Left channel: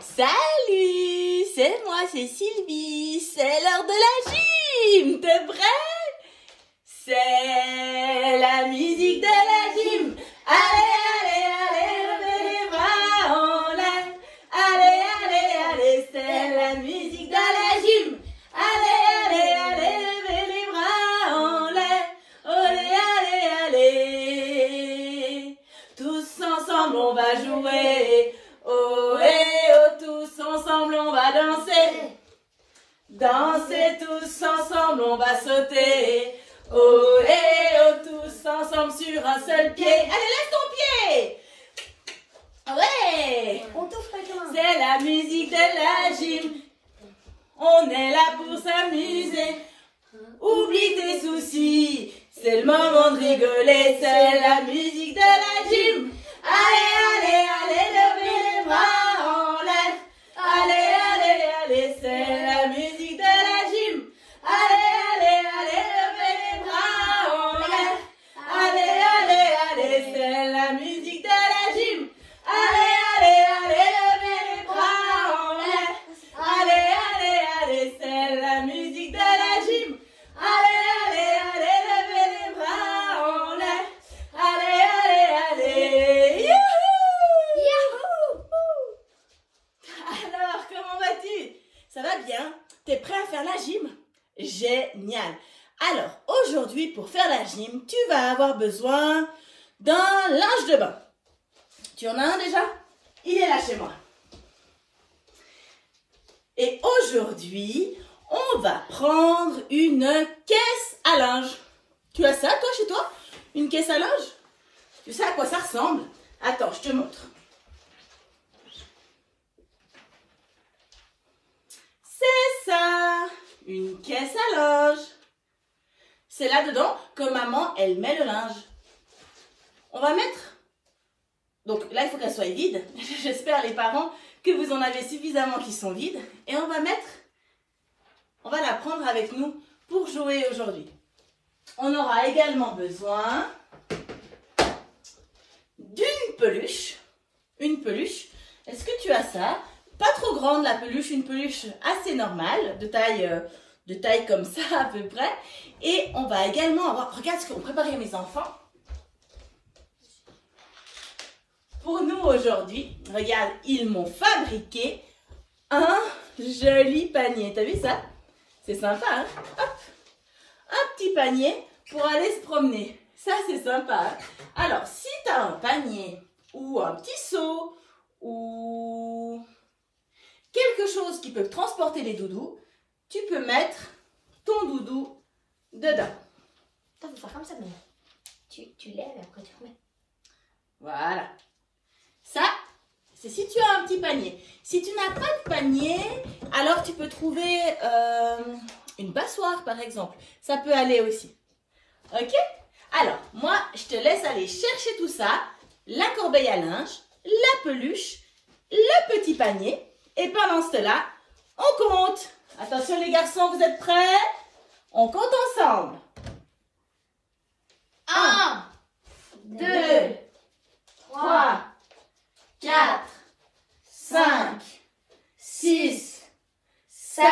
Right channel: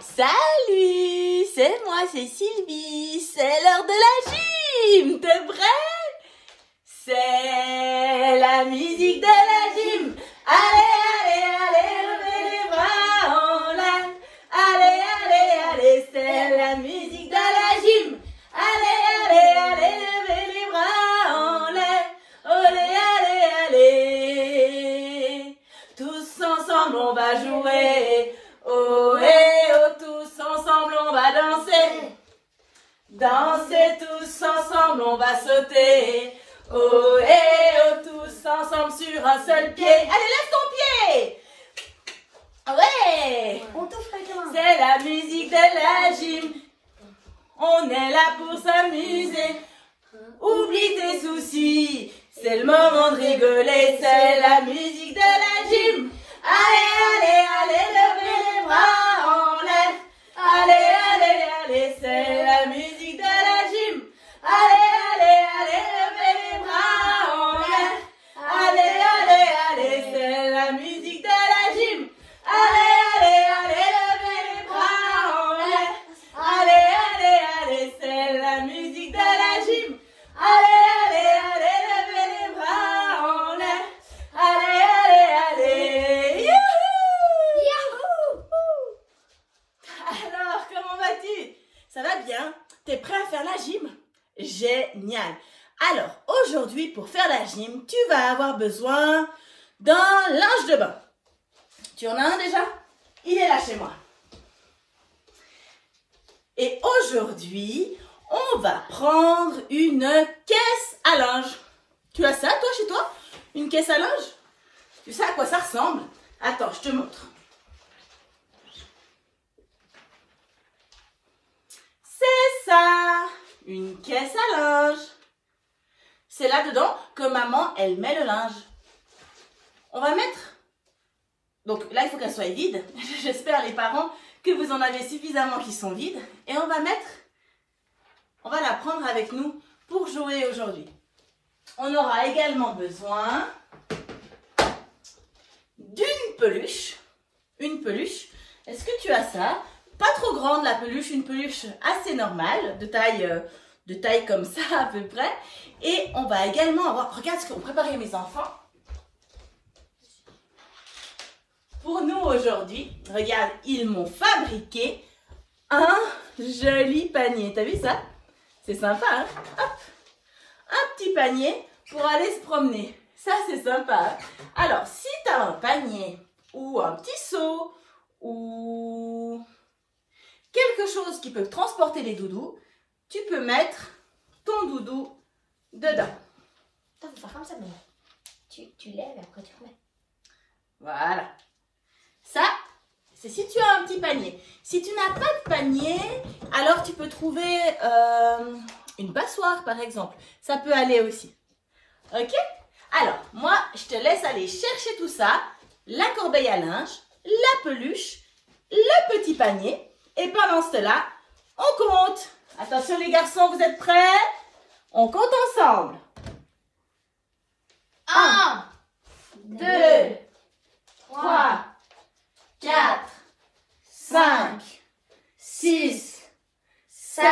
Salut, c'est moi, c'est Sylvie, c'est l'heure de la gym, t'es prêt? C'est la musique de la gym. Allez, allez, allez, levez les bras en l'air. Allez, allez, allez, c'est la musique de la gym. Allez, allez, allez, levez les bras en l'air. Allez, allez, allez. Tous ensemble on va jouer. Oh, et oh, tous ensemble on va danser. Danser tous ensemble on va sauter. Oh, et oh, tous ensemble sur un seul pied. Allez, lève ton pied. Ouais. C'est la musique de la gym. On est là pour s'amuser. Oublie tes soucis. C'est le moment de rigoler. C'est la musique de la gym. Allez, allez, allez, levez les bras en l'air. Allez, allez, allez, c'est la musique de la gym. Allez, allez, allez, levez les bras en l'air. Allez, allez, allez, c'est la musique de la gym. Allez, allez, allez, levez les bras en l'air. Allez, allez, allez, c'est la musique de la gym. Allez, allez, allez, levez les bras en l'air. Allez, allez, allez. Youhou! Alors, comment vas-tu? Ça va bien? T'es prêt à faire la gym? Génial! Alors, aujourd'hui, pour faire la gym, tu vas avoir besoin d'un linge de bain. Tu en as un déjà? Il est là chez moi. Et aujourd'hui, on va prendre une caisse à linge. Tu as ça, toi, chez toi? Une caisse à linge? Tu sais à quoi ça ressemble? Attends, je te montre. C'est ça, une caisse à linge. C'est là-dedans que maman, elle met le linge. On va mettre... Donc là, il faut qu'elle soit vide. J'espère, les parents, que vous en avez suffisamment qui sont vides. Et on va mettre... On va la prendre avec nous pour jouer aujourd'hui. On aura également besoin d'une peluche. Une peluche. Est-ce que tu as ça? Pas trop grande la peluche, une peluche assez normale, de taille comme ça à peu près. Et on va également avoir, regarde ce qu'ont préparé mes enfants pour nous aujourd'hui. Regarde, ils m'ont fabriqué un joli panier. T'as vu ça? C'est sympa, hein? Hop, un petit panier pour aller se promener. Ça, c'est sympa. Alors, si tu as un panier ou un petit seau ou quelque chose qui peut transporter les doudous, tu peux mettre ton doudou dedans. Tu peux faire comme ça, mais tu lèves et après tu remets. Voilà. Ça, c'est si tu as un petit panier. Si tu n'as pas de panier, alors tu peux trouver une passoire, par exemple. Ça peut aller aussi. Ok? Alors, moi, je te laisse aller chercher tout ça. La corbeille à linge, la peluche, le petit panier. Et pendant cela, on compte. Attention les garçons, vous êtes prêts? On compte ensemble. 1, 2, 3, 4, 5, 6, 7,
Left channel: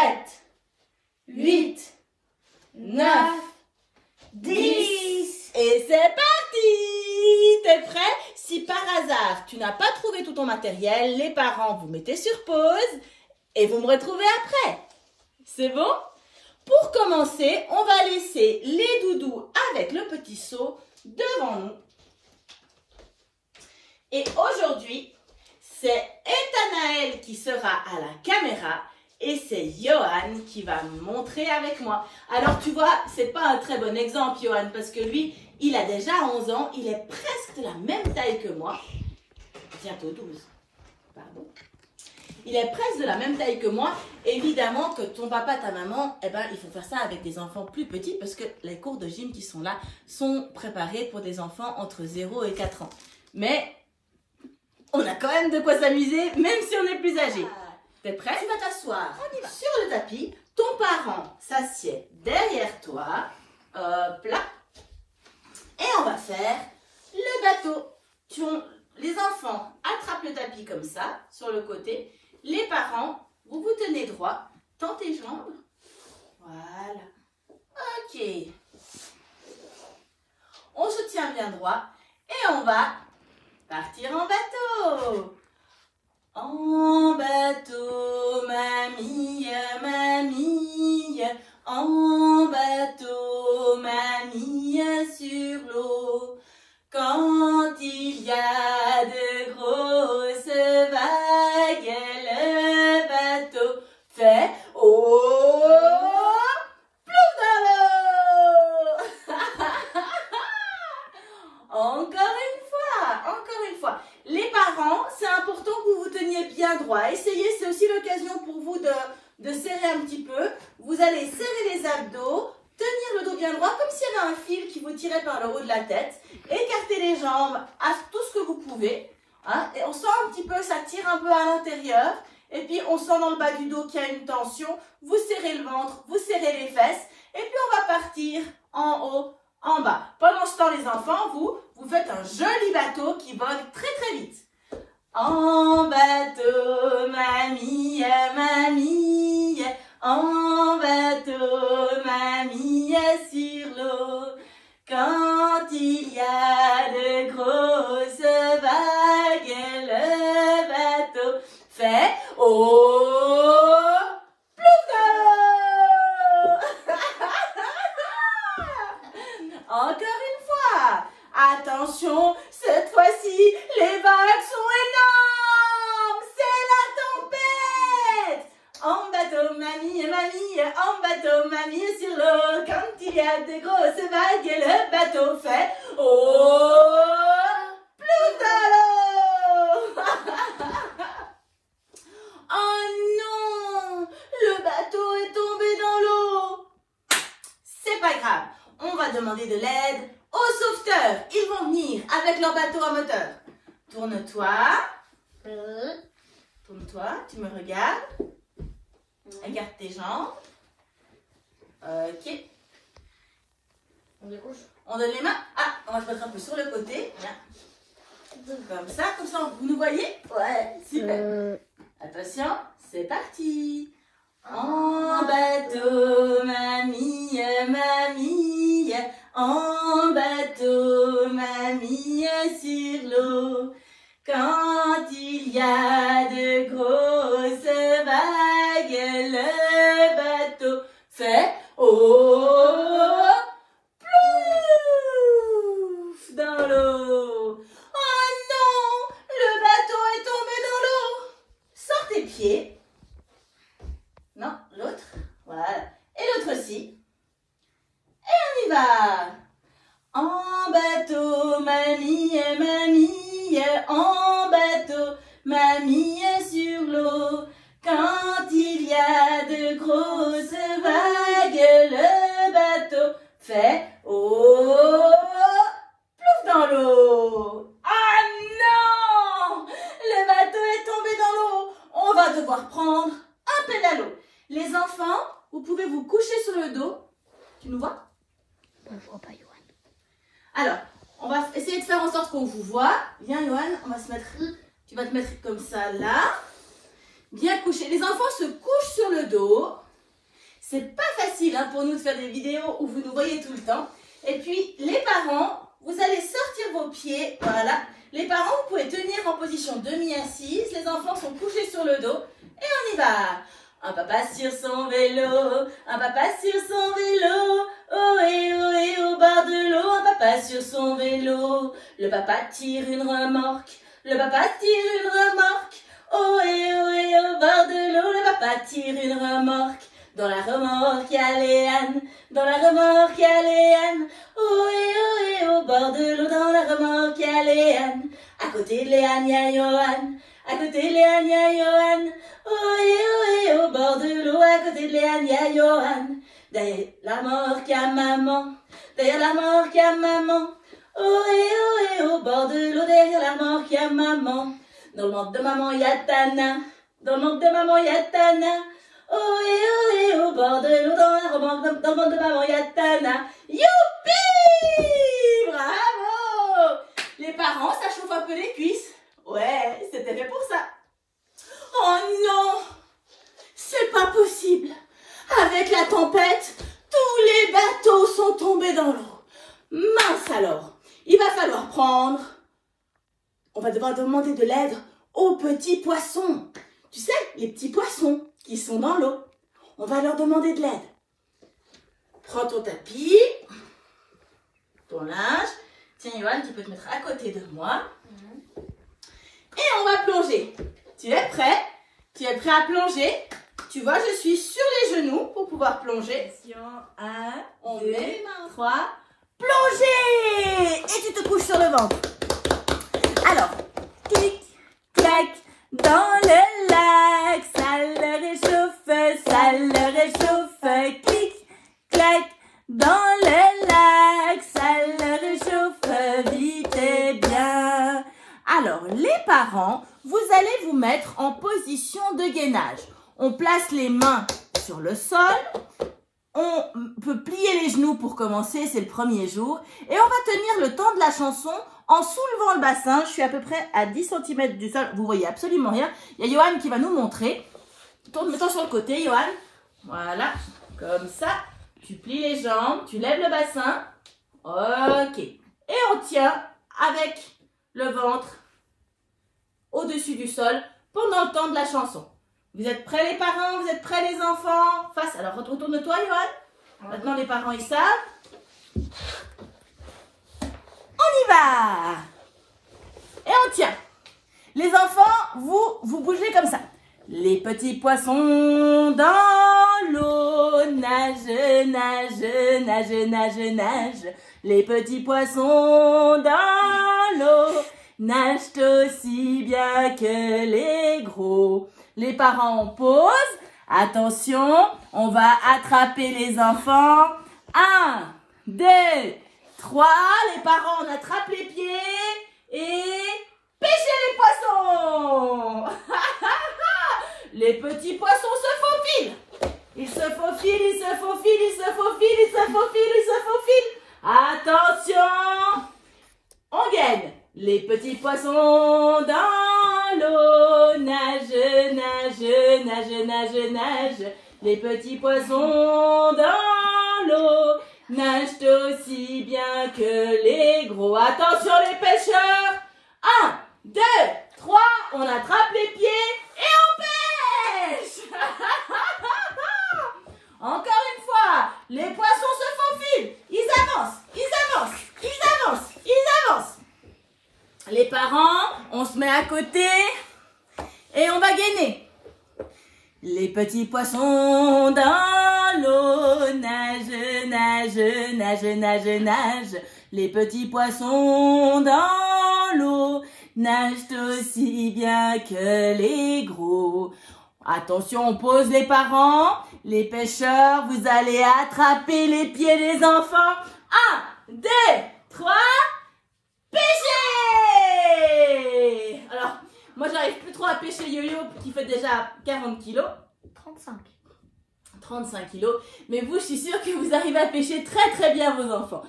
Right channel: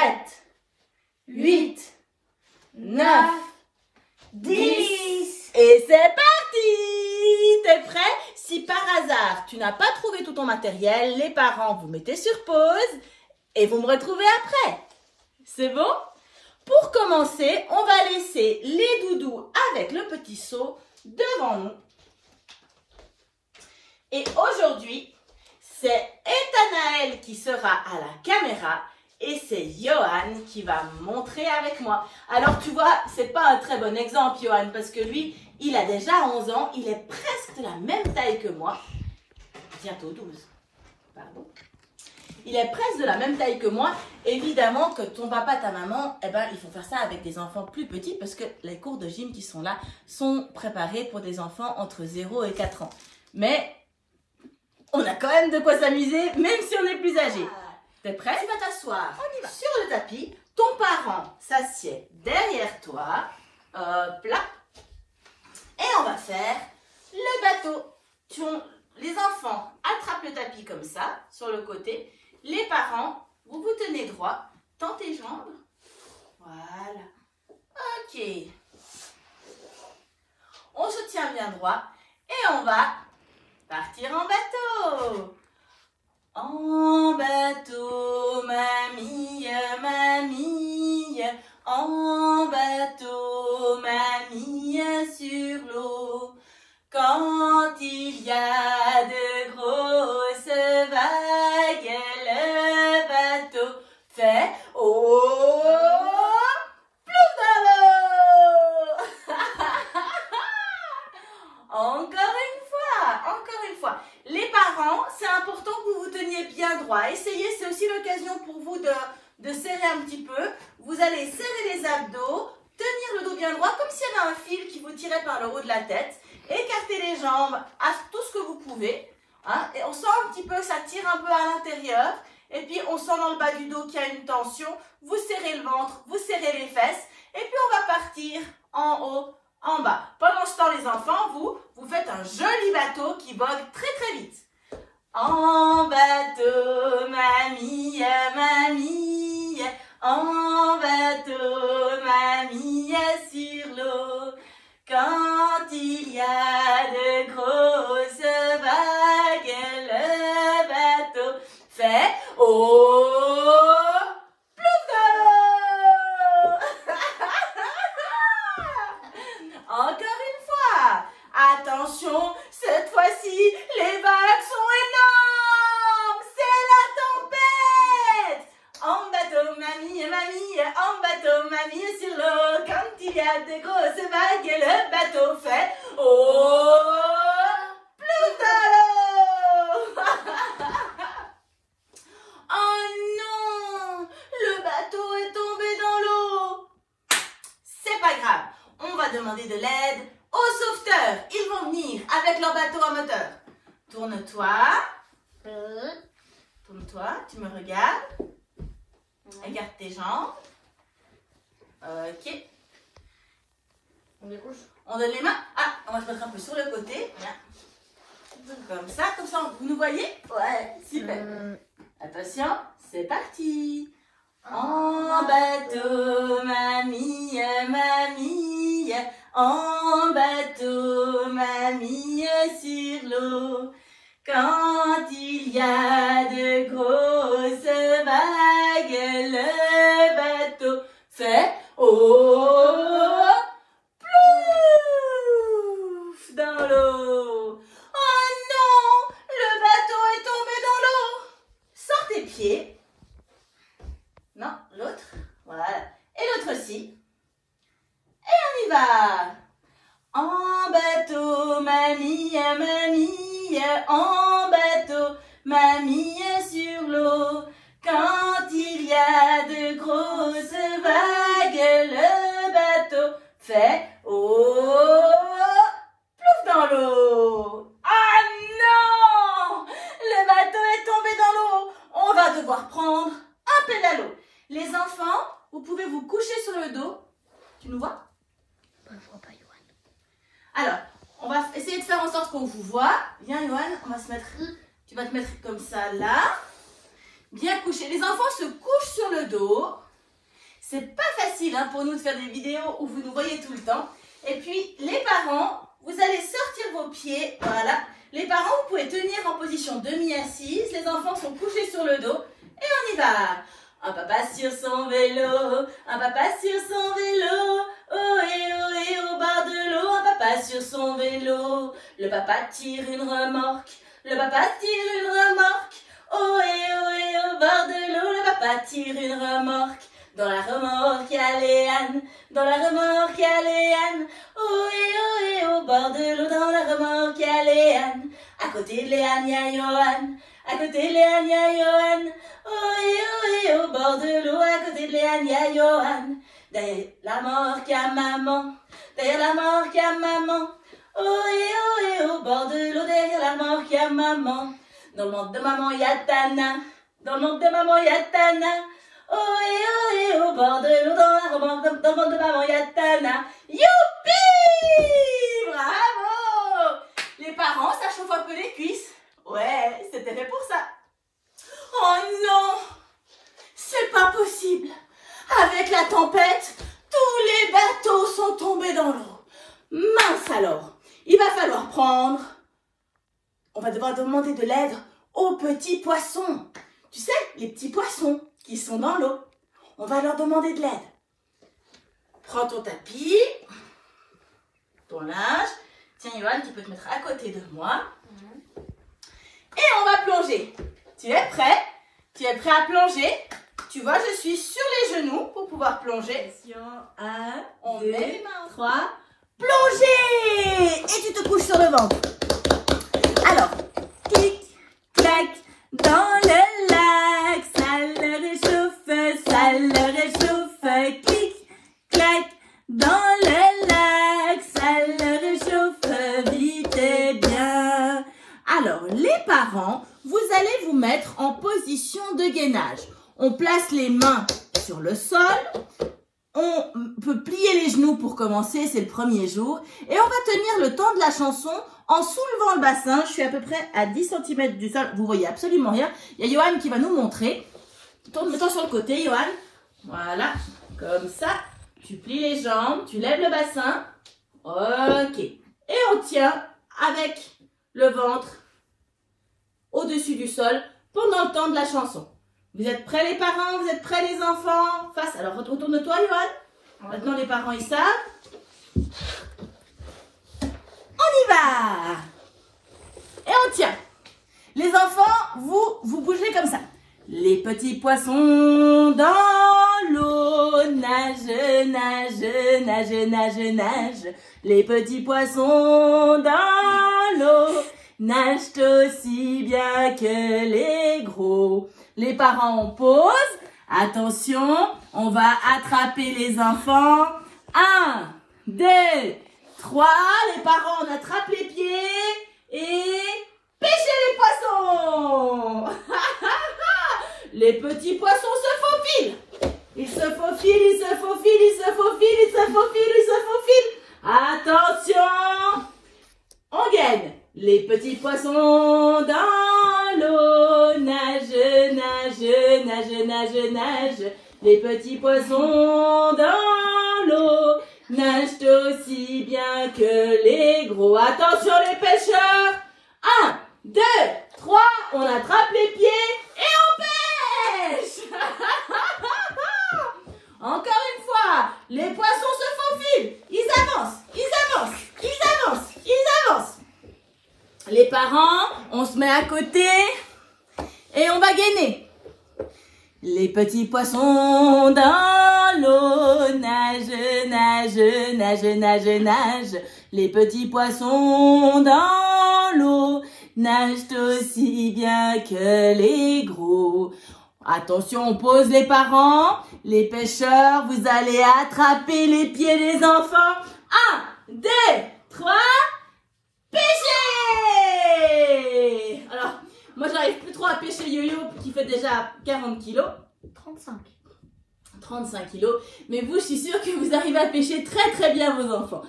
8, 9, 10. Et c'est parti! T'es prêt? Si par hasard, tu n'as pas trouvé tout ton matériel, les parents, vous mettez sur pause et vous me retrouvez après. C'est bon? Pour commencer, on va laisser les doudous avec le petit seau devant nous. Et aujourd'hui, c'est Ethanaël qui sera à la caméra et c'est Johan qui va me montrer avec moi. Alors tu vois, c'est pas un très bon exemple, Johan, parce que lui, il a déjà 11 ans, il est presque de la même taille que moi. Bientôt 12, pardon. Il est presque de la même taille que moi. Évidemment que ton papa, ta maman, eh ben, il faut faire ça avec des enfants plus petits parce que les cours de gym qui sont là sont préparés pour des enfants entre 0 et 4 ans. Mais on a quand même de quoi s'amuser, même si on est plus âgé. T'es prêt? Tu vas t'asseoir sur le tapis. Ton parent s'assied derrière toi. Hop là. Et on va faire le gâteau. Les enfants attrapent le tapis comme ça, sur le côté. les parents, vous vous tenez droit, tendez les jambes. Voilà. Ok. On se tient bien droit et on va partir en bateau. En bateau, mamie, mamie, en bateau, mamie, sur l'eau. Quand il y a de grosses vagues, le bateau fait oh, plouf dans l'eau. Encore une fois. Les parents, c'est important que vous vous teniez bien droit. Essayez, c'est aussi l'occasion pour vous de serrer un petit peu. Vous allez serrer les abdos, tenir le dos bien droit, comme s'il y avait un fil qui vous tirait par le haut de la tête. Écartez les jambes à tout ce que vous pouvez. Hein, et on sent un petit peu que ça tire un peu à l'intérieur. Et puis, on sent dans le bas du dos qu'il y a une tension. Vous serrez le ventre, vous serrez les fesses. Et puis, on va partir en haut, en bas. Pendant ce temps, les enfants, vous faites un joli bateau qui vogue très, très vite. En bateau, mamie, mamie. En bateau, mamie, sur l'eau. Quand il y a de grosses vagues, le bateau fait oh, plouf dans l'eau. Encore une fois. Attention, cette fois-ci, les vagues sont énormes. C'est la tempête. En bateau, mamie, mamie, en bateau, mamie, sur l'eau. Quand il y a de grosses vagues, le bateau fait oh, plouf dans l'eau. Oh non, le bateau est tombé dans l'eau. C'est pas grave, on va demander de l'aide aux sauveteurs. Ils vont venir avec leur bateau à moteur. Tourne-toi. Tourne-toi, tu me regardes. Regarde tes jambes. Ok. On découche. On donne les mains. Ah, on va se mettre un peu sur le côté. Voilà. Comme ça, vous nous voyez? Ouais, super. Attention, c'est parti. En bateau, mamie, mamie. En bateau, mamie, sur l'eau. Quand il y a de grosses vagues, le bateau fait oh, plouf dans l'eau. Oh non, le bateau est tombé dans l'eau. Sors tes pieds. Non, l'autre. Voilà. Et l'autre aussi. Et on y va. En bateau, mamie, mamie. En bateau, mamie, sur l'eau. Quand il y a de grosses vagues, le bateau fait oh, plouf dans l'eau. Ah non! Le bateau est tombé dans l'eau. On va devoir prendre un pédalo. Les enfants, vous pouvez vous coucher sur le dos. Tu nous vois? On ne voit pas, Yoann. Alors, on va essayer de faire en sorte qu'on vous voit. Viens, Yoann, on va se mettre. Tu vas te mettre comme ça, là. Bien couché. Les enfants se couchent sur le dos. C'est pas facile hein, pour nous de faire des vidéos où vous nous voyez tout le temps. Et puis, les parents, vous allez sortir vos pieds. Voilà. Les parents, vous pouvez tenir en position demi-assise. Les enfants sont couchés sur le dos. Et on y va. Un papa sur son vélo, un papa sur son vélo, oh et au bord de l'eau, un papa sur son vélo. Le papa tire une remorque, le papa tire une remorque, oh et au bord de l'eau, le papa tire une remorque. Dans la remorque, il y a Léane, dans la remorque, il y a Léane, oh et au bord de l'eau, dans la remorque, il y a Léane. À côté de Léane, il y a Yoann, à côté de Léane, il y a Yoann. Oh et au bord de l'eau, à côté de Léane, il y a Yoann. Derrière la mort qu'il y a maman, derrière la mort qu'il y a maman. Oh et au bord de l'eau, derrière la mort qu'il y a maman. Dans le ventre de maman, il y a Tana, dans le ventre de maman, il y a Tana. Oh et au bord de l'eau, dans le ventre de maman, il y a Tana. Youpi! Bravo! Les parents, ça chauffe un peu les cuisses. Ouais, c'était fait pour ça. Oh non! Alors, il va falloir prendre, on va devoir demander de l'aide aux petits poissons. Tu sais, les petits poissons qui sont dans l'eau. On va leur demander de l'aide. Prends ton tapis, ton linge. Tiens, Yohan, tu peux te mettre à côté de moi. Et on va plonger. Tu es prêt? Tu es prêt à plonger? Tu vois, je suis sur les genoux pour pouvoir plonger. 1, on met 3, plonger! Et tu te couches sur le ventre. Alors, clic, clac, dans le lac, ça le réchauffe, ça le réchauffe. Clic, clac, dans le lac, ça le réchauffe vite et bien. Alors, les parents, vous allez vous mettre en position de gainage. On place les mains sur le sol. On peut plier les genoux pour commencer, c'est le premier jour. Et on va tenir le temps de la chanson en soulevant le bassin. Je suis à peu près à 10 cm du sol. Vous voyez absolument rien. Il y a Yohan qui va nous montrer. Tourne-toi sur le côté, Yohan. Voilà, comme ça. Tu plies les jambes, tu lèves le bassin. Ok. Et on tient avec le ventre au-dessus du sol pendant le temps de la chanson. Vous êtes prêts les parents? Vous êtes prêts les enfants? Face. Alors retourne-toi, Yohan. Maintenant les parents ils savent. On y va. Et on tient. Les enfants, vous bougez comme ça. Les petits poissons dans l'eau nagent, nagent, nagent, nagent, nagent. Les petits poissons dans l'eau nagent aussi bien que les gros. Les parents posent. Attention, on va attraper les enfants. 1, 2, 3. Les parents, on attrape les pieds et pêchez les poissons. Les petits poissons se faufilent. Ils se faufilent, ils se faufilent, ils se faufilent, ils se faufilent, ils se faufilent. Attention, on gagne. Les petits poissons dans l'eau nagent, nagent, nagent, nagent, nagent. Les petits poissons dans l'eau nagent aussi bien que les gros. Attention les pêcheurs. 1, 2, 3, on attrape les pieds et on pêche. Encore une fois, les poissons se faufilent. Ils avancent, ils avancent, ils avancent, ils avancent. Les parents, on se met à côté et on va gainer. Les petits poissons dans l'eau nagent, nagent, nagent, nagent, nagent. Les petits poissons dans l'eau nagent aussi bien que les gros. Attention, on pose les parents. Les pêcheurs, vous allez attraper les pieds des enfants. 1, 2, 3, pêchez! Alors, moi, j'arrive plus trop à pêcher Yo-Yo qui fait déjà 40 kilos. 35 kilos. Mais vous, je suis sûre que vous arrivez à pêcher très très bien vos enfants.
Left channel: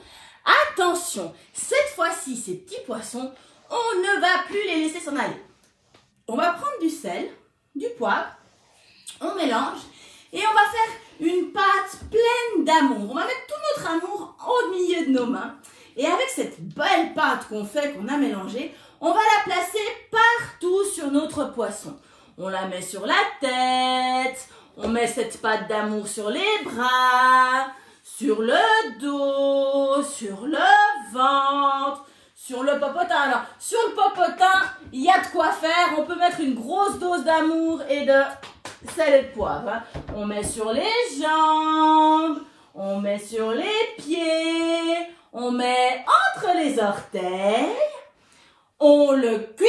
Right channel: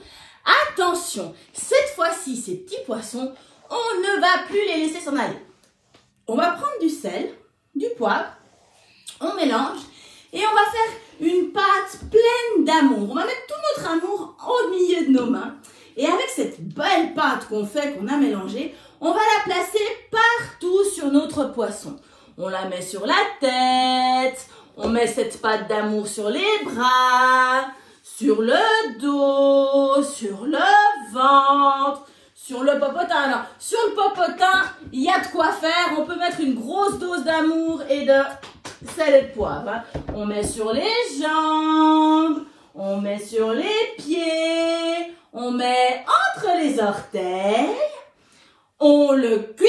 Attention, cette fois-ci, ces petits poissons, on ne va plus les laisser s'en aller. On va prendre du sel, du poivre, on mélange et on va faire une pâte pleine d'amour. On va mettre tout notre amour au milieu de nos mains. Et avec cette belle pâte qu'on fait, qu'on a mélangée, on va la placer partout sur notre poisson. On la met sur la tête, on met cette pâte d'amour sur les bras, sur le dos, sur le ventre, sur le popotin. Alors, sur le popotin, il y a de quoi faire. On peut mettre une grosse dose d'amour et de sel et de poivre. Hein. On met sur les jambes, on met sur les pieds, on met entre les orteils, on le cuit.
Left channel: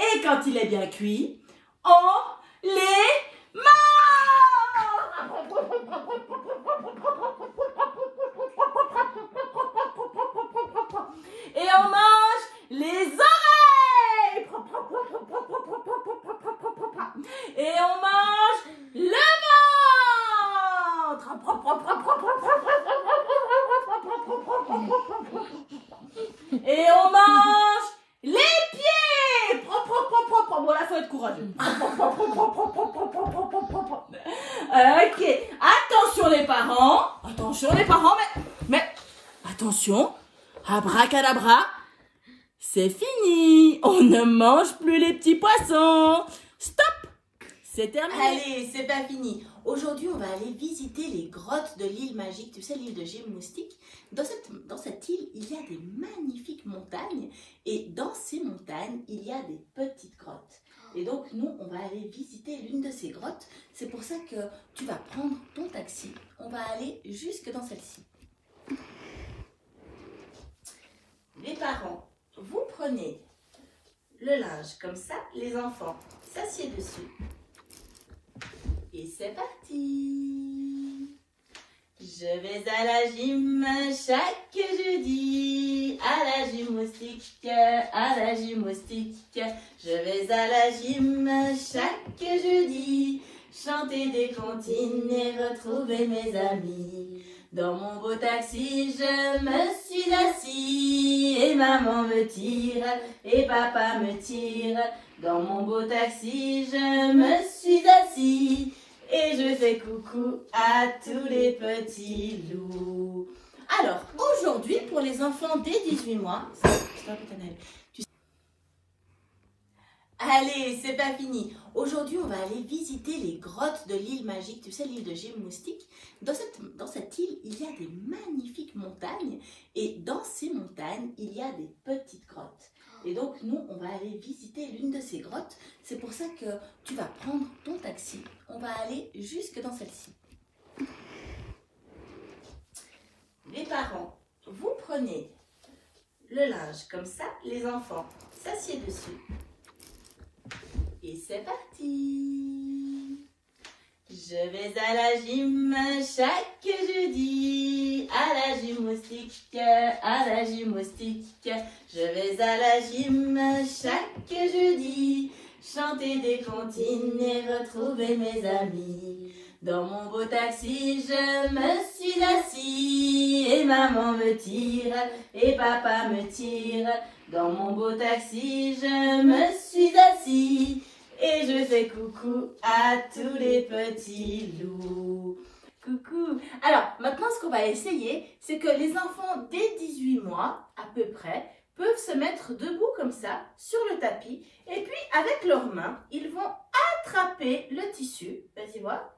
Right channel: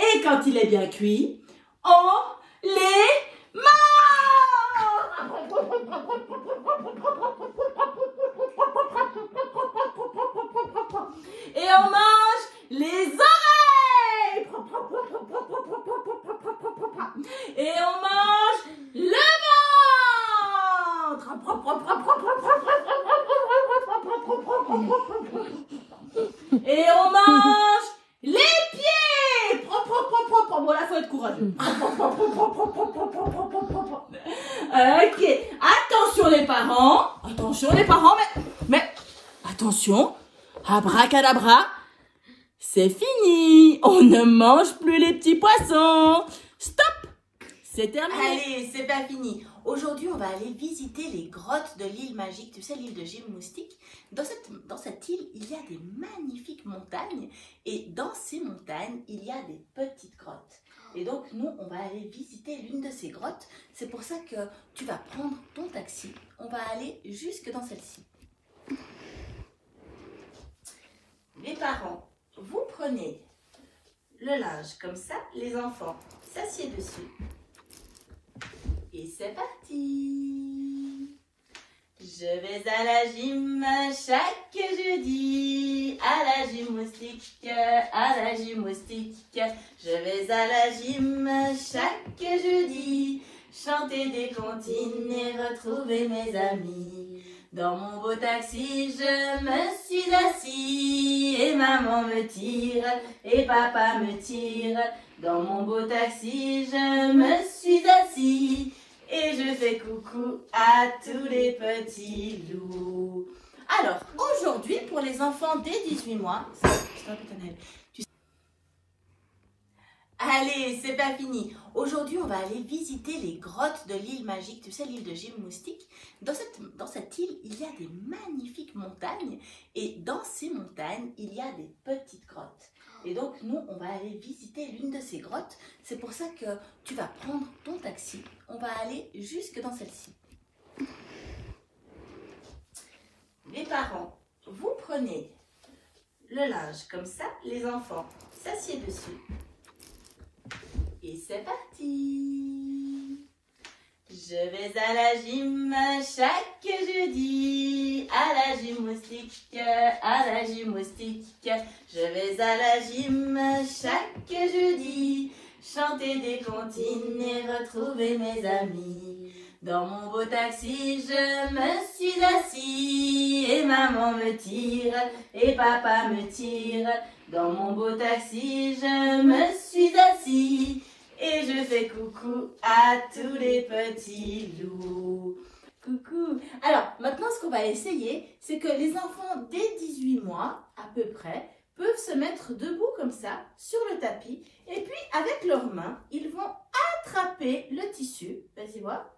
Et quand il est bien cuit, on les mange. Et on mange les oreilles. Et on mange le ventre. Et on mange les pieds. Bon, là, faut être courageux. Ok, attention les parents. Attention les parents, mais attention. Abracadabra. C'est fini. On ne mange plus les petits poissons. Stop. C'est terminé. Allez, c'est pas fini. Aujourd'hui, on va aller visiter les grottes de l'île magique. Tu sais, l'île de Jim Moustique. Dans cette île, il y a des magnifiques montagnes. Et dans ces montagnes, il y a des petites grottes. Et donc, nous, on va aller visiter l'une de ces grottes. C'est pour ça que tu vas prendre ton taxi. On va aller jusque dans celle-ci. Les parents, vous prenez le linge comme ça. Les enfants s'assiedent dessus. Et c'est parti. Je vais à la gym chaque jeudi, à la gymnastique, à la gymnastique. Je vais à la gym chaque jeudi, chanter des comptines et retrouver mes amis. Dans mon beau taxi, je me suis assis et maman me tire et papa me tire. Dans mon beau taxi, je me suis assis et je fais coucou à tous les petits loups. Alors, aujourd'hui, pour les enfants dès 18 mois, allez, c'est pas fini. Aujourd'hui, on va aller visiter les grottes de l'île magique. Tu sais, l'île de Jim Moustique. Dans cette île, il y a des magnifiques montagnes. Et dans ces montagnes, il y a des petites grottes. Et donc, nous, on va aller visiter l'une de ces grottes. C'est pour ça que tu vas prendre ton taxi. On va aller jusque dans celle-ci. Les parents, vous prenez le linge comme ça. Les enfants s'assiedent dessus. Et c'est parti. Je vais à la gym chaque jeudi, à la gymnastique, à la gymnastique. Je vais à la gym chaque jeudi, chanter des comptines et retrouver mes amis. Dans mon beau taxi, je me suis assis et maman me tire et papa me tire. Dans mon beau taxi, je me suis assis et je fais coucou à tous les petits loups. Coucou. Alors, maintenant, ce qu'on va essayer, c'est que les enfants dès 18 mois, à peu près, peuvent se mettre debout comme ça, sur le tapis. Et puis, avec leurs mains, ils vont attraper le tissu. Vas-y, voir.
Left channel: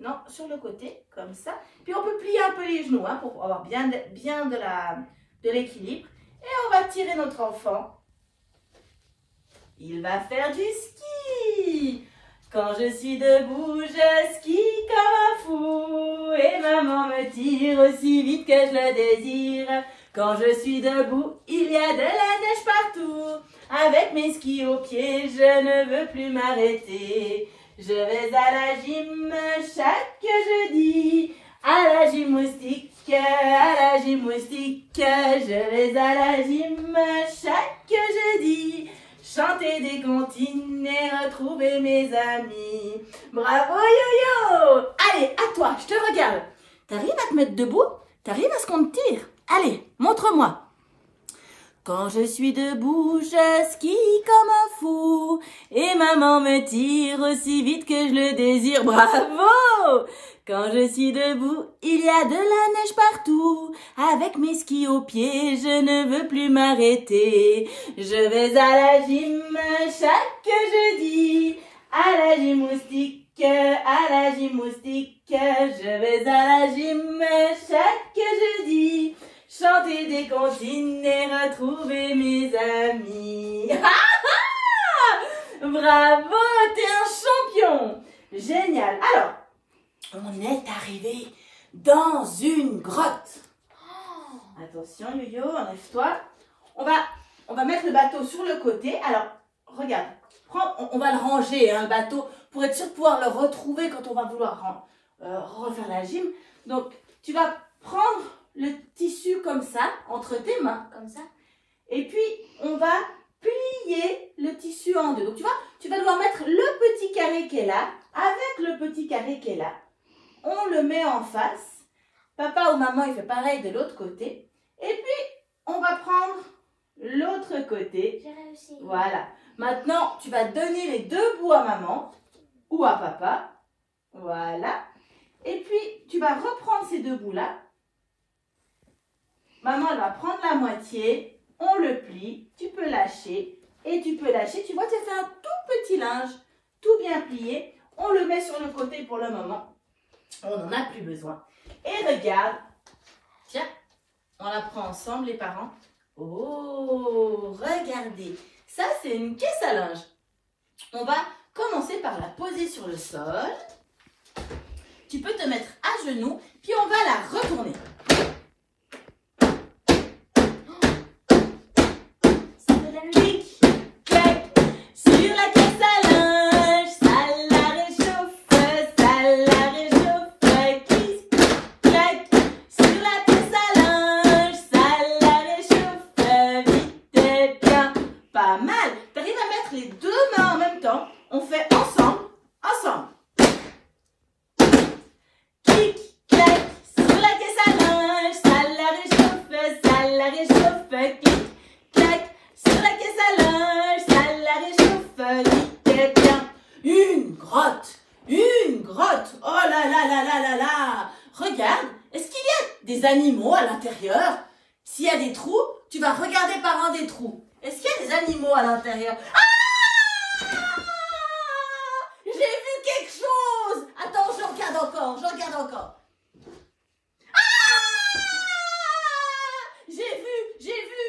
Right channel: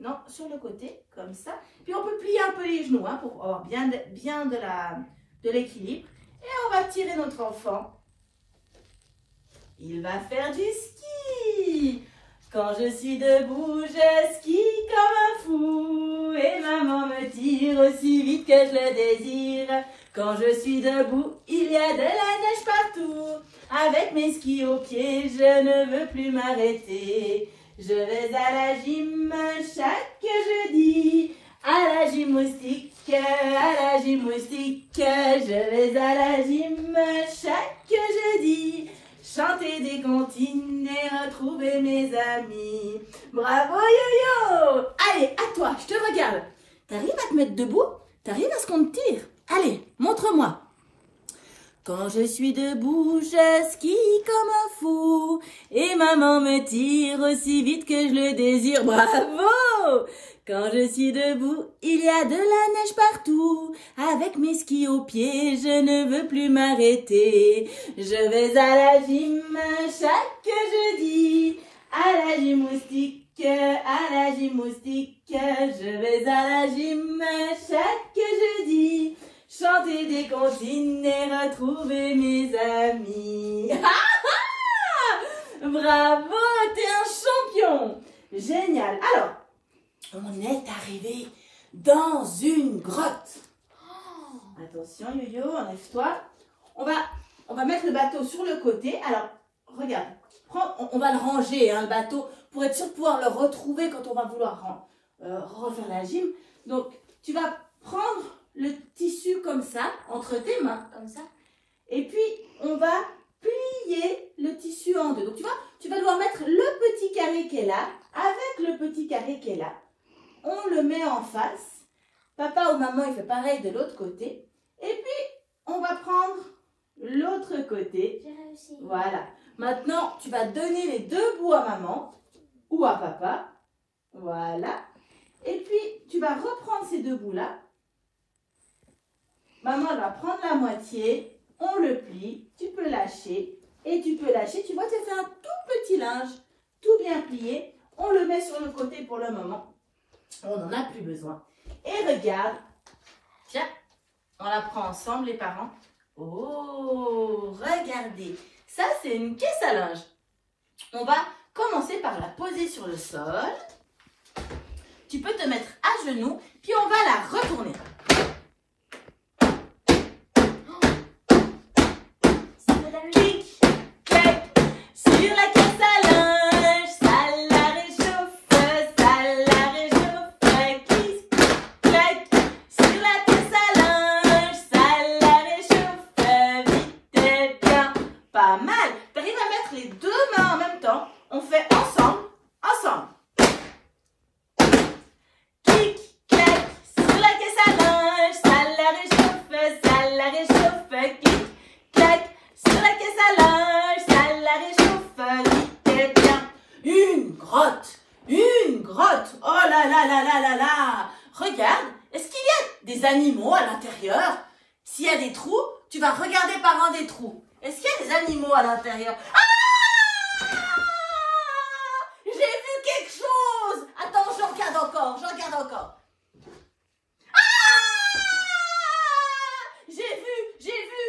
Non, sur le côté, comme ça. Puis, on peut plier un peu les genoux hein, pour avoir bien de l'équilibre. Et on va tirer notre enfant. Il va faire du ski. Quand je suis debout, je skie comme un fou. Et maman me tire aussi vite que je le désire. Quand je suis debout, il y a de la neige partout. Avec mes skis aux pieds, je ne veux plus m'arrêter. Je vais à la gym chaque jeudi. À la gymnastique, à la gymnastique. Je vais à la gym chaque jeudi. Chanter des comptines et retrouver mes amis. Bravo yo-yo! Allez, à toi, je te regarde. T'arrives à te mettre debout? T'arrives à ce qu'on te tire? Allez, montre-moi. Quand je suis debout, je skie comme un fou. Et maman me tire aussi vite que je le désire. Bravo! Quand je suis debout, il y a de la neige partout. Avec mes skis aux pieds, je ne veux plus m'arrêter. Je vais à la gym chaque jeudi. À la gymnastique, à la gymnastique. Je vais à la gym chaque jeudi. Chanter des comptines et retrouver mes amis. Bravo, t'es un champion. Génial. Alors, on est arrivé dans une grotte. Attention, Yo-Yo, enlève-toi. On va mettre le bateau sur le côté. Alors, regarde, on va le ranger, hein, le bateau, pour être sûr de pouvoir le retrouver quand on va vouloir refaire la gym. Donc, tu vas prendre le tissu comme ça, entre tes mains, comme ça. Et puis, on va plier le tissu en deux. Donc, tu vois, tu vas devoir mettre le petit carré qui est là, avec le petit carré qui est là. On le met en face. Papa ou maman, il fait pareil de l'autre côté. Et puis, on va prendre l'autre côté. J'ai réussi. Voilà. Maintenant, tu vas donner les deux bouts à maman ou à papa. Voilà. Et puis, tu vas reprendre ces deux bouts-là. Maman va prendre la moitié. On le plie. Tu peux lâcher. Et tu peux lâcher. Tu vois, tu fais un tout petit linge. Tout bien plié. On le met sur le côté pour le moment. On n'en a plus besoin. Et regarde. Tiens, on la prend ensemble, les parents. Oh, regardez. Ça, c'est une caisse à linge. On va commencer par la poser sur le sol. Tu peux te mettre à genoux, puis on va la retourner. Clic, clac, sur la caisse à linge, ça la réchauffe, clic, clac, sur la caisse à linge, ça la réchauffe, vite et bien, pas mal. T'arrives à mettre les deux mains en même temps, on fait ensemble, ensemble. Clic, clac, sur la caisse à linge, ça la réchauffe, clic, clac, sur la caisse à linge, ça la réchauffe, vite et bien. Une grotte, oh là là là là là là. Regarde, est-ce qu'il y a des animaux à l'intérieur? S'il y a des trous, tu vas regarder par un des trous. Est-ce qu'il y a des animaux à l'intérieur? Ah! J'ai vu quelque chose. Attends, je regarde encore. Ah! J'ai vu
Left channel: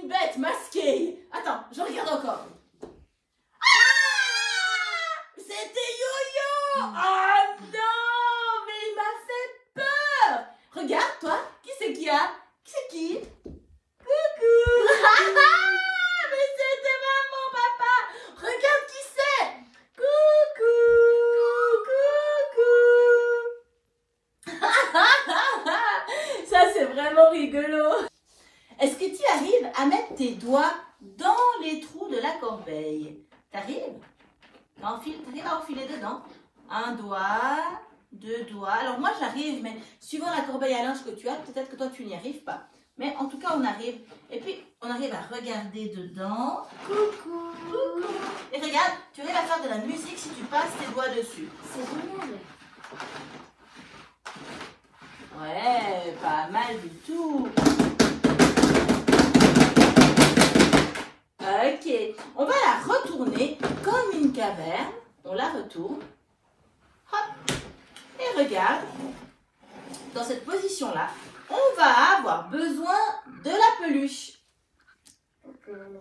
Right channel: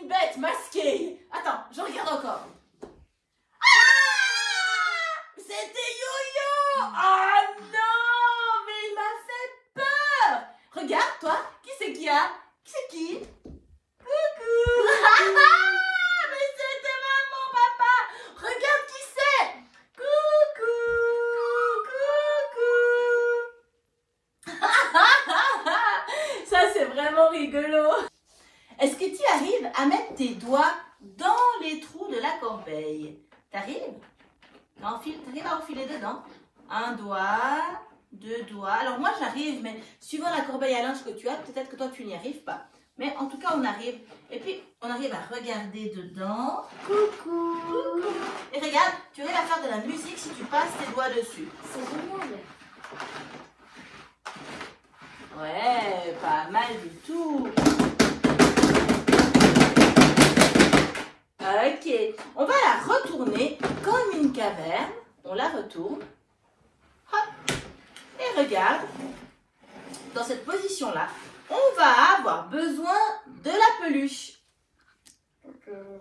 une bête masquée. Attends, je regarde encore. Ah! C'était Yo-Yo. Ah non, mais il m'a fait peur. Regarde, toi, qui c'est qui a? Qui c'est qui? Coucou. Mais c'était maman, papa. Regarde qui c'est. Coucou. Ça, c'est vraiment rigolo. Est-ce que tu arrives à mettre tes doigts dans les trous de la corbeille? T'arrives? T'arrives à enfiler dedans? Un doigt, deux doigts. Alors moi, j'arrive, mais suivant la corbeille à linge que tu as, peut-être que toi, tu n'y arrives pas. Mais en tout cas, on arrive. Et puis, on arrive à regarder dedans. Coucou. Et regarde, tu arrives à faire de la musique si tu passes tes doigts dessus. C'est génial. Ouais, pas mal du tout. Ok, on va la retourner comme une caverne. On la retourne. Hop. Et regarde, dans cette position-là, on va avoir besoin de la peluche.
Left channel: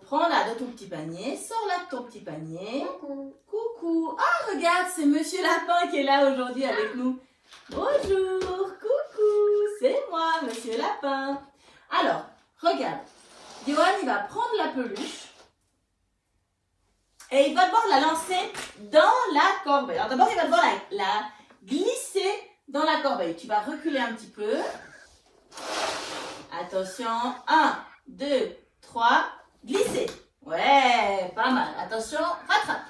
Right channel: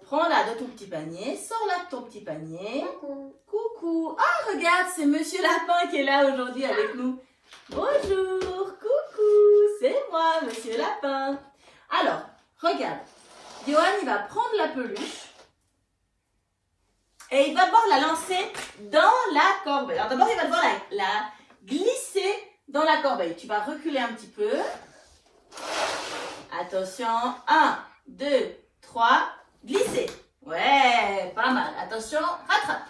Prends-la de ton petit panier, sors-la de ton petit panier. Coucou. Ah, regarde, c'est Monsieur Lapin qui est là aujourd'hui avec nous. Bonjour, coucou, c'est moi, Monsieur Lapin. Alors, regarde, Johan, il va prendre la peluche et il va devoir la lancer dans la corbeille. Alors d'abord, il va devoir la glisser dans la corbeille. Tu vas reculer un petit peu. Attention, 1, 2, 3, glisser. Ouais, pas mal. Attention, rattrape.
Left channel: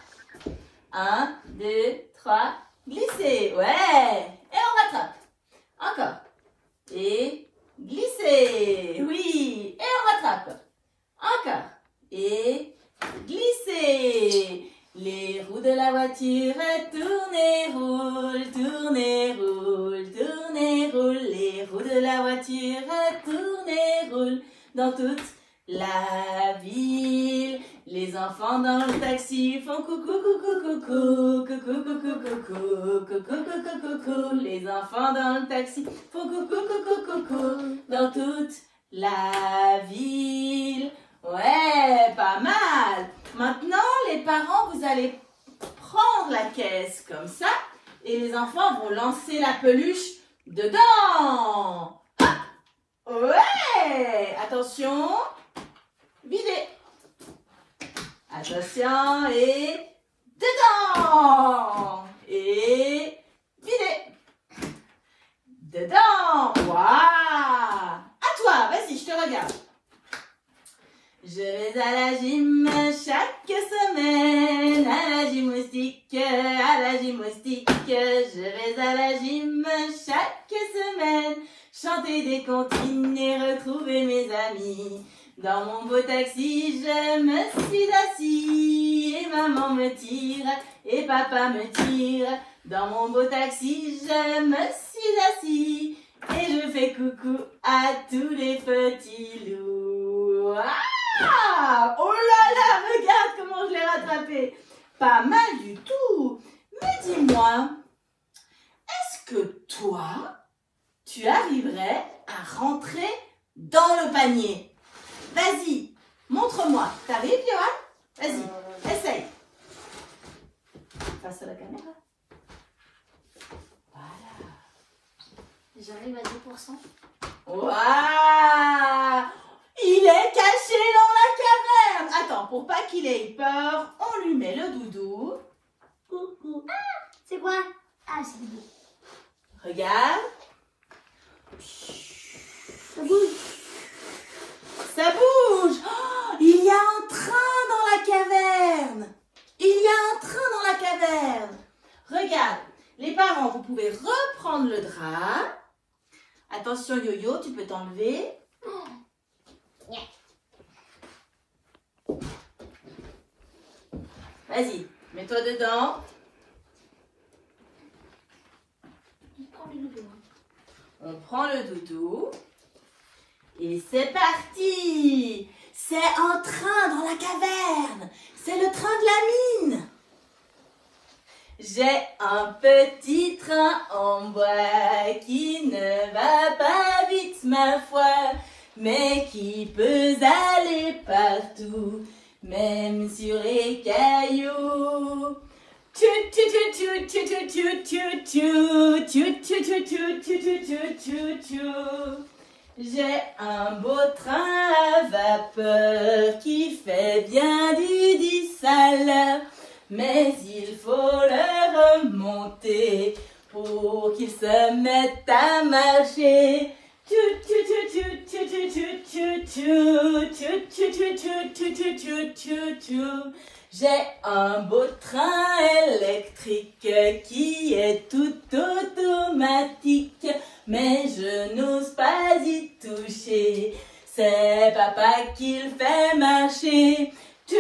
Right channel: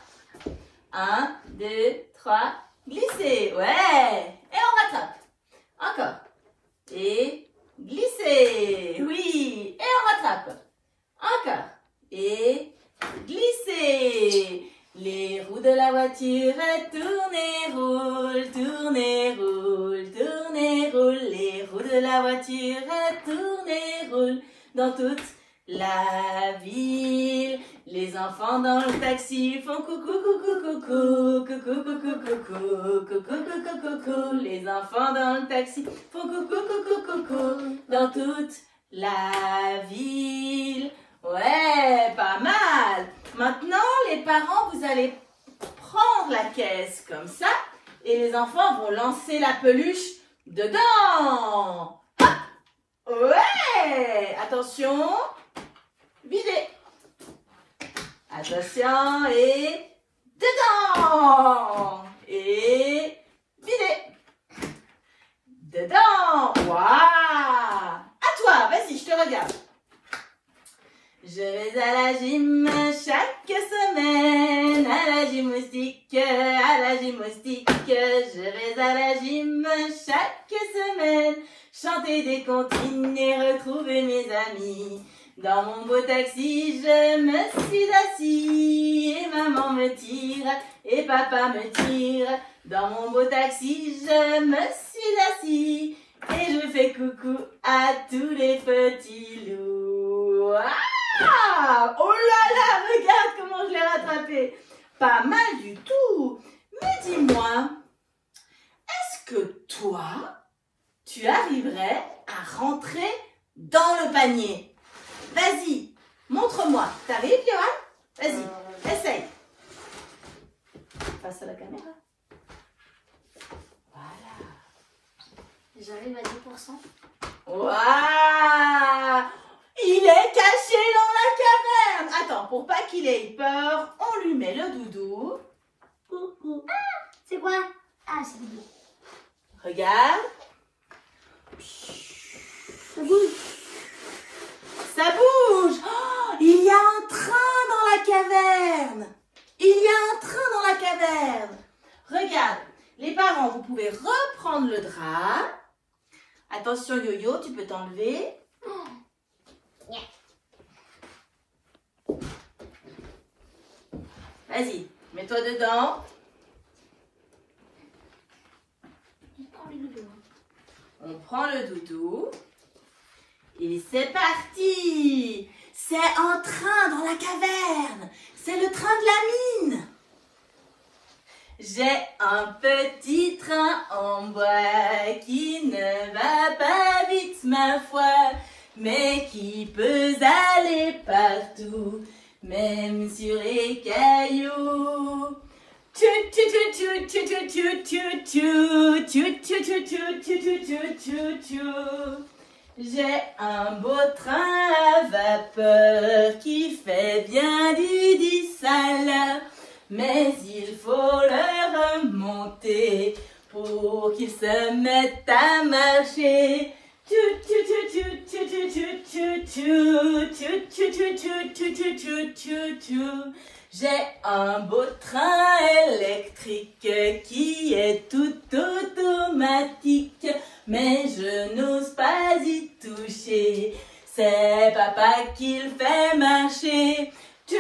1, 2, 3, glisser. Ouais, et on rattrape. Encore. Et glisser. Oui, et on rattrape. Encore. Et glisser. Les roues de la voiture tournent et roulent, tournent et roulent, tournent et roulent. Les roues de la voiture tournent et roulent dans toute la ville. Les enfants dans le taxi font coucou, coucou, coucou, coucou, coucou, coucou, coucou, coucou, coucou. Les enfants dans le taxi font coucou, coucou, coucou, dans toute la ville. Ouais, pas mal. Maintenant, les parents, vous allez prendre la caisse comme ça et les enfants vont lancer la peluche dedans. Ah, ouais, attention, vider. Attention et dedans. Et vider. Dedans. Waouh. À toi, vas-y, je te regarde. Je vais à la gym chaque semaine, à la gymnastique, à la gymnastique. Je vais à la gym chaque semaine, chanter des comptines et retrouver mes amis. Dans mon beau taxi, je me suis assis, et maman me tire, et papa me tire. Dans mon beau taxi, je me suis assis et je fais coucou à tous les petits loups. Ah! Oh là là, regarde comment je l'ai rattrapé. Pas mal du tout. Mais dis-moi, est-ce que toi, tu arriverais à rentrer dans le panier? Vas-y, montre-moi. T'arrives, Johan? Vas-y, essaye. Face à la caméra. Voilà. J'arrive à 10%. Waouh! Il est caché dans la caverne. Attends, pour pas qu'il ait peur, on lui met le doudou. Coucou. Ah, c'est quoi? Ah, c'est du bleu. Regarde. Ça bouge. Ça bouge. Oh, il y a un train dans la caverne. Il y a un train dans la caverne. Regarde, les parents, vous pouvez reprendre le drap. Attention, Yo-Yo, tu peux t'enlever. Vas-y, mets-toi dedans. On prend le doudou. Et c'est parti. C'est un train dans la caverne. C'est le train de la mine. J'ai un petit train en bois qui ne va pas vite, ma foi, mais qui peut aller partout, même sur les cailloux. J'ai un beau train à vapeur qui fait bien du sale, mais il faut le remonter pour qu'il se mette à marcher. J'ai un beau train électrique qui est tout automatique, mais je n'ose pas y toucher. C'est papa qui le fait marcher. Je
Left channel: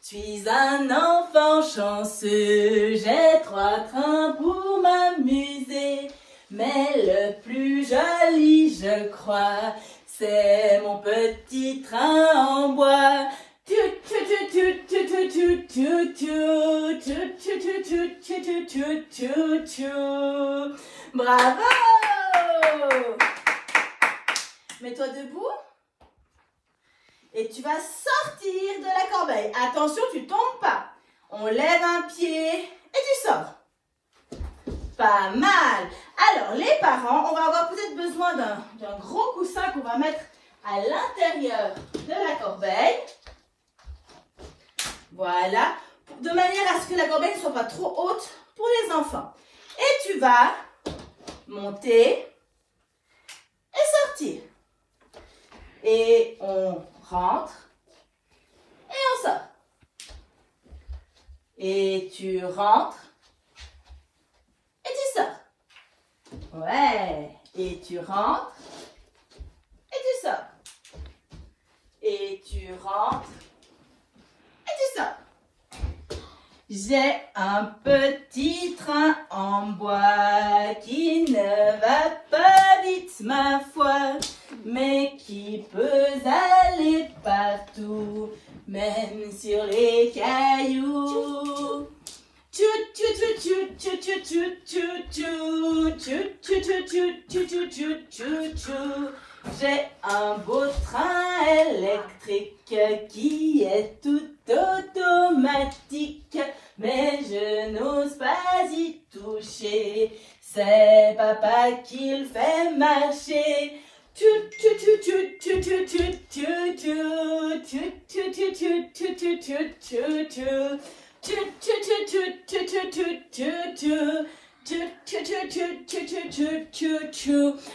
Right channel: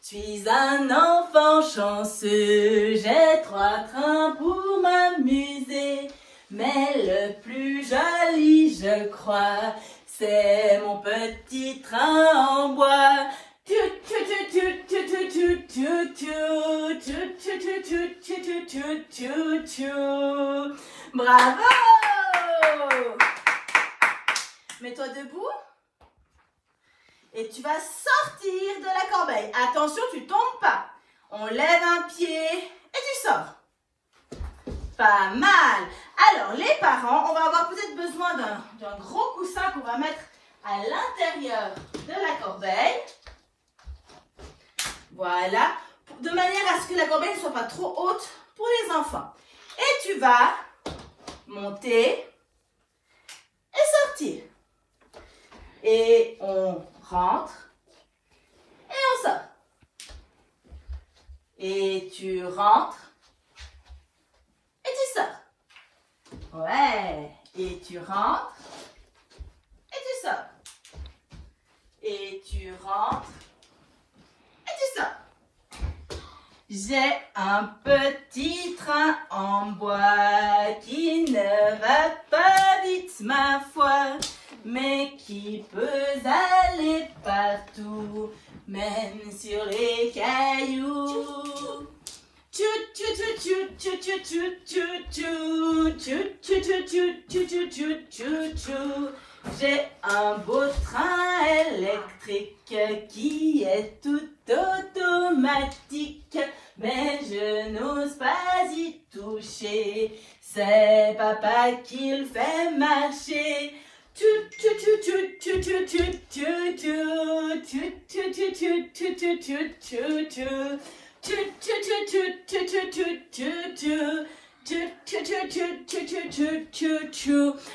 suis un enfant chanceux, j'ai 3 trains pour m'amuser. Mais le plus joli, je crois, c'est mon petit train en bois. Bravo! Mets-toi debout. Et tu vas sortir de la corbeille. Attention, tu tombes pas. On lève un pied et tu sors. Pas mal. Alors, les parents, on va avoir peut-être besoin d'un gros coussin qu'on va mettre à l'intérieur de la corbeille. Voilà. De manière à ce que la corbeille ne soit pas trop haute pour les enfants. Et tu vas monter et sortir. Et on rentre et on sort. Et tu rentres et tu sors. Ouais. Et tu rentres et tu sors. Et tu rentres et tu sors. J'ai un petit train en bois qui ne va pas vite, ma foi, mais qui peut aller partout, même sur les cailloux. J'ai un beau train électrique qui est tout automatique, mais je n'ose pas y toucher. C'est papa qui le fait marcher.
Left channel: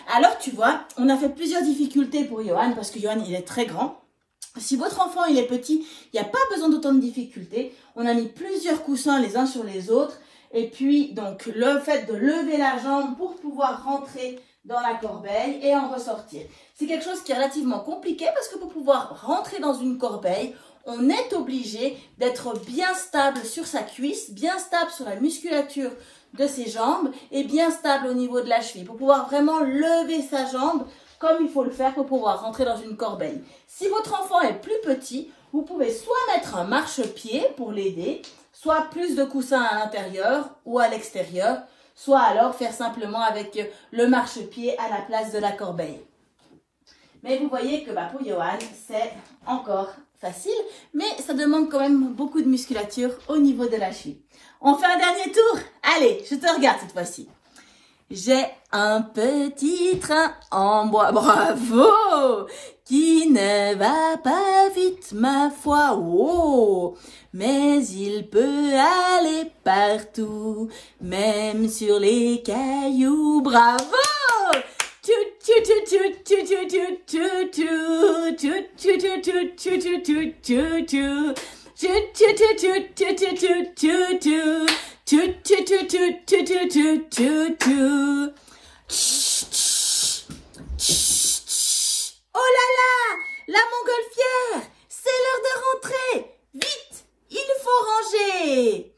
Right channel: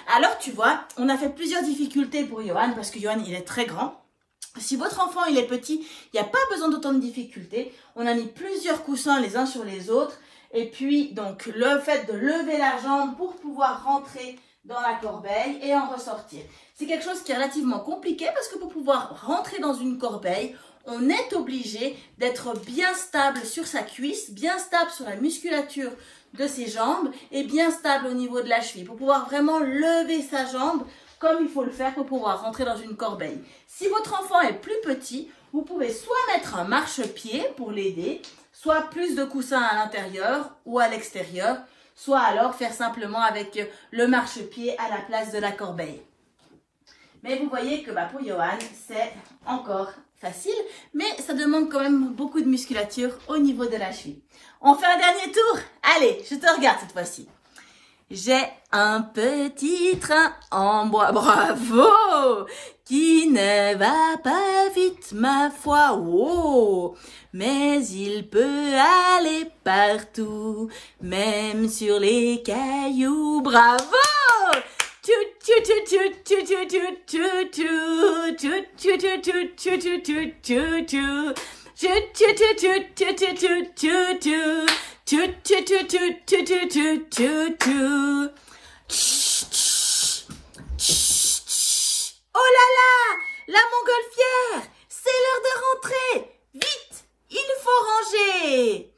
Alors tu vois, on a fait plusieurs difficultés pour Johan parce que Johan il est très grand. Si votre enfant il est petit, il n'y a pas besoin d'autant de difficultés. On a mis plusieurs coussins les uns sur les autres. Et puis donc le fait de lever la jambe pour pouvoir rentrer dans la corbeille et en ressortir. C'est quelque chose qui est relativement compliqué parce que pour pouvoir rentrer dans une corbeille, on est obligé d'être bien stable sur sa cuisse, bien stable sur la musculature de ses jambes et bien stable au niveau de la cheville pour pouvoir vraiment lever sa jambe comme il faut le faire pour pouvoir rentrer dans une corbeille. Si votre enfant est plus petit, vous pouvez soit mettre un marchepied pour l'aider, soit plus de coussins à l'intérieur ou à l'extérieur, soit alors faire simplement avec le marchepied à la place de la corbeille. Mais vous voyez que pour Johan, c'est encore facile, mais ça demande quand même beaucoup de musculature au niveau de la cheville. On fait un dernier tour? Allez, je te regarde cette fois-ci. J'ai un petit train en bois, bravo, qui ne va pas vite, ma foi, oh, mais il peut aller partout, même sur les cailloux, bravo! Oh là là, la montgolfière, c'est l'heure de rentrer. Vite, il faut ranger.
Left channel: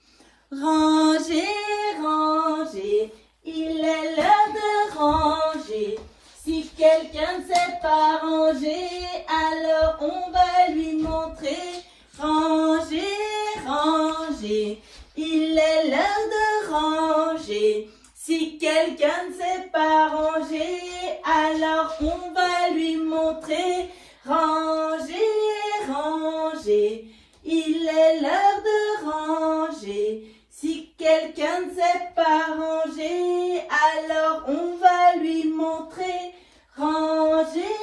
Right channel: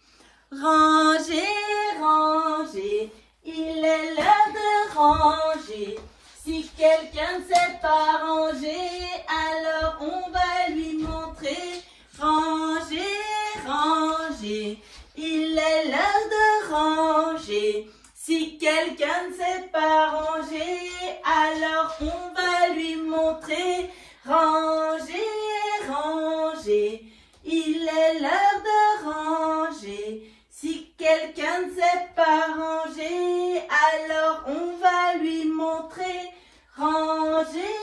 Ranger, ranger, il est l'heure de ranger. Si quelqu'un ne sait pas ranger, alors on va lui montrer. Ranger, ranger, il est l'heure de ranger. Si quelqu'un ne sait pas ranger, alors on va lui montrer. Ranger, ranger, il est l'heure de ranger. Si quelqu'un ne sait pas ranger, alors on va lui montrer. Ranger,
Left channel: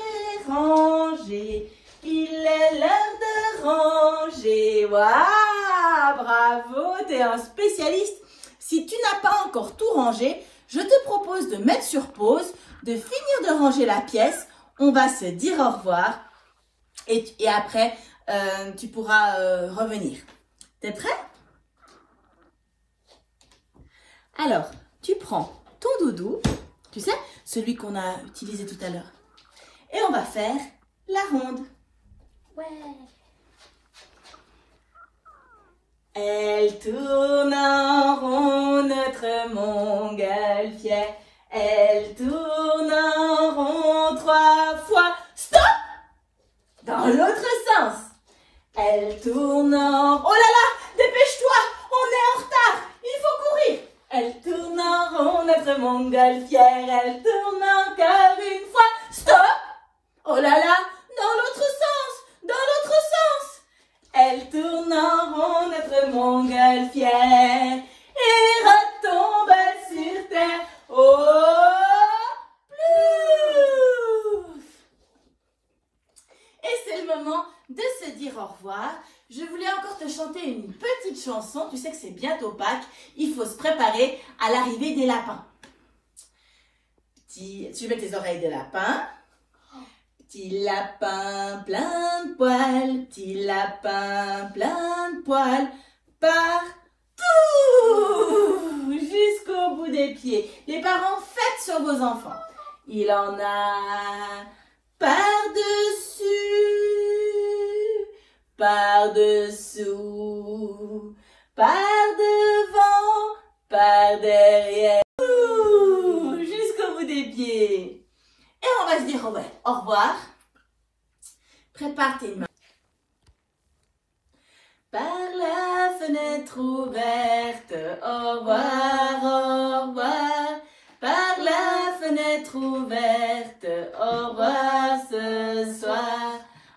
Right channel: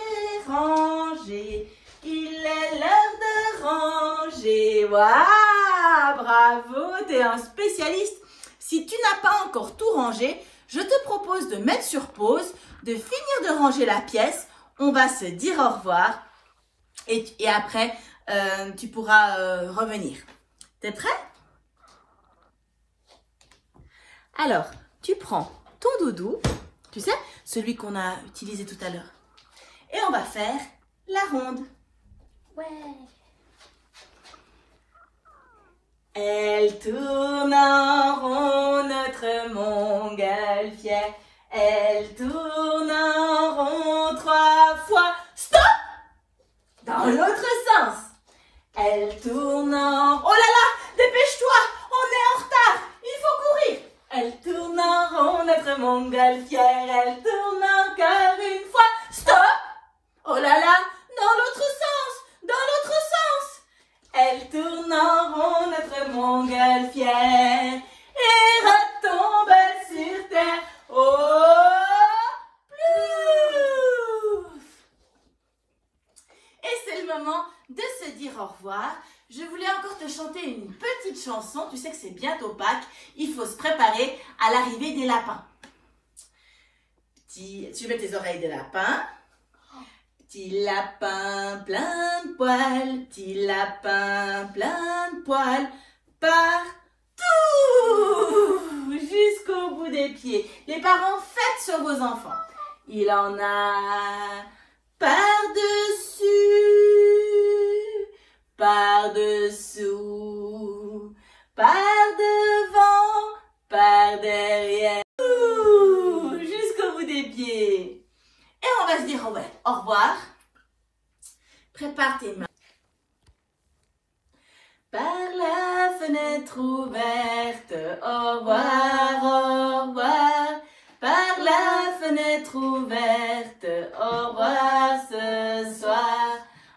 ranger, il est l'heure de ranger. Waouh, bravo, t'es un spécialiste. Si tu n'as pas encore tout rangé, je te propose de mettre sur pause, de finir de ranger la pièce. On va se dire au revoir et après, tu pourras revenir. T'es prêt? Alors, tu prends ton doudou, tu sais, celui qu'on a utilisé tout à l'heure, et on va faire la ronde. Ouais. Elle tourne en rond, notre montgolfière. Elle tourne en rond 3 fois. Stop! Dans l'autre sens. Elle tourne en... Oh là là! Dépêche-toi! On est en retard! Il faut courir! Elle tourne en rond, notre montgolfière. Elle tourne encore une fois. Stop! Oh là là! Dans l'autre sens! Dans l'autre sens! Elle tourne en rond, notre montgolfière, et retombe sur terre. Oh, plouf! Et c'est le moment de se dire au revoir. Je voulais encore te chanter une petite chanson. Tu sais que c'est bientôt Pâques. Il faut se préparer à l'arrivée des lapins. Tu mets tes oreilles de lapin. Petit lapin plein de poils, petit lapin plein de poils, partout, jusqu'au bout des pieds. Les parents, faites sur vos enfants. Il en a par-dessus, par-dessous, par-devant, par-derrière, jusqu'au bout des pieds. Et on va se dire au revoir. Prépare tes mains. Par la fenêtre ouverte, au revoir, au revoir. Par la fenêtre ouverte, au revoir ce soir.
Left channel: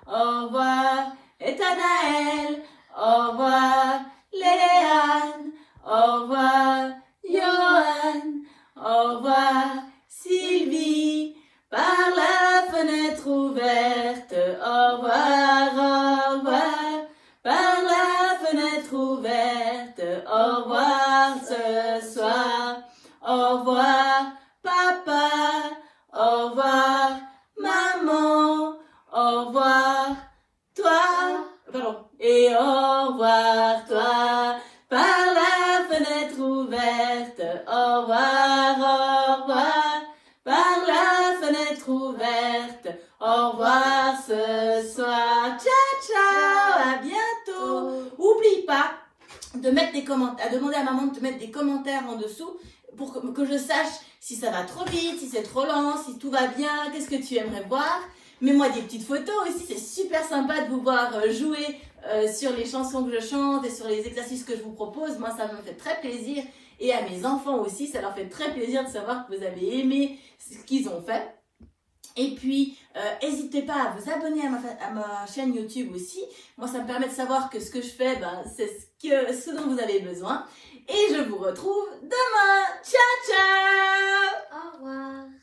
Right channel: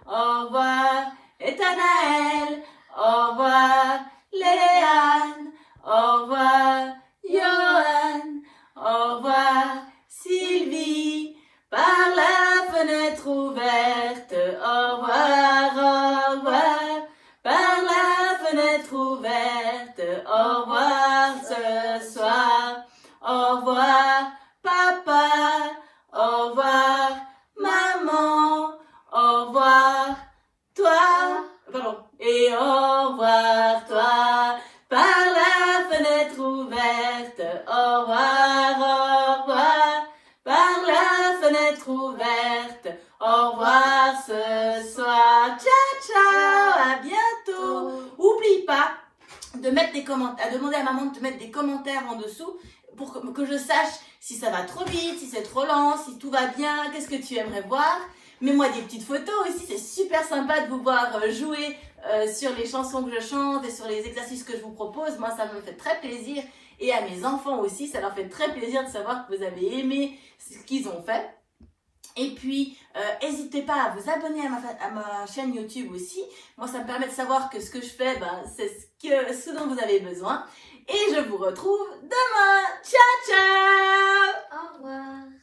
Au revoir Ethanaël, au revoir Léane, au revoir Johan, au revoir Sylvie. Par la fenêtre ouverte, au revoir, au revoir. Par la fenêtre ouverte, au revoir ce soir. Au revoir papa, au revoir maman, au revoir toi, pardon, et au revoir toi. Par la fenêtre ouverte, au revoir, par la à demander à maman de te mettre des commentaires en dessous pour que je sache si ça va trop vite, si c'est trop lent, si tout va bien, qu'est-ce que tu aimerais voir. Mets-moi des petites photos aussi, c'est super sympa de vous voir jouer sur les chansons que je chante et sur les exercices que je vous propose. Moi, ça me fait très plaisir. Et à mes enfants aussi, ça leur fait très plaisir de savoir que vous avez aimé ce qu'ils ont fait. Et puis, n'hésitez pas à vous abonner à ma chaîne YouTube aussi. Moi, ça me permet de savoir que ce que je fais, ben, c'est ce dont vous avez besoin. Et je vous retrouve demain. Ciao, ciao! Au revoir.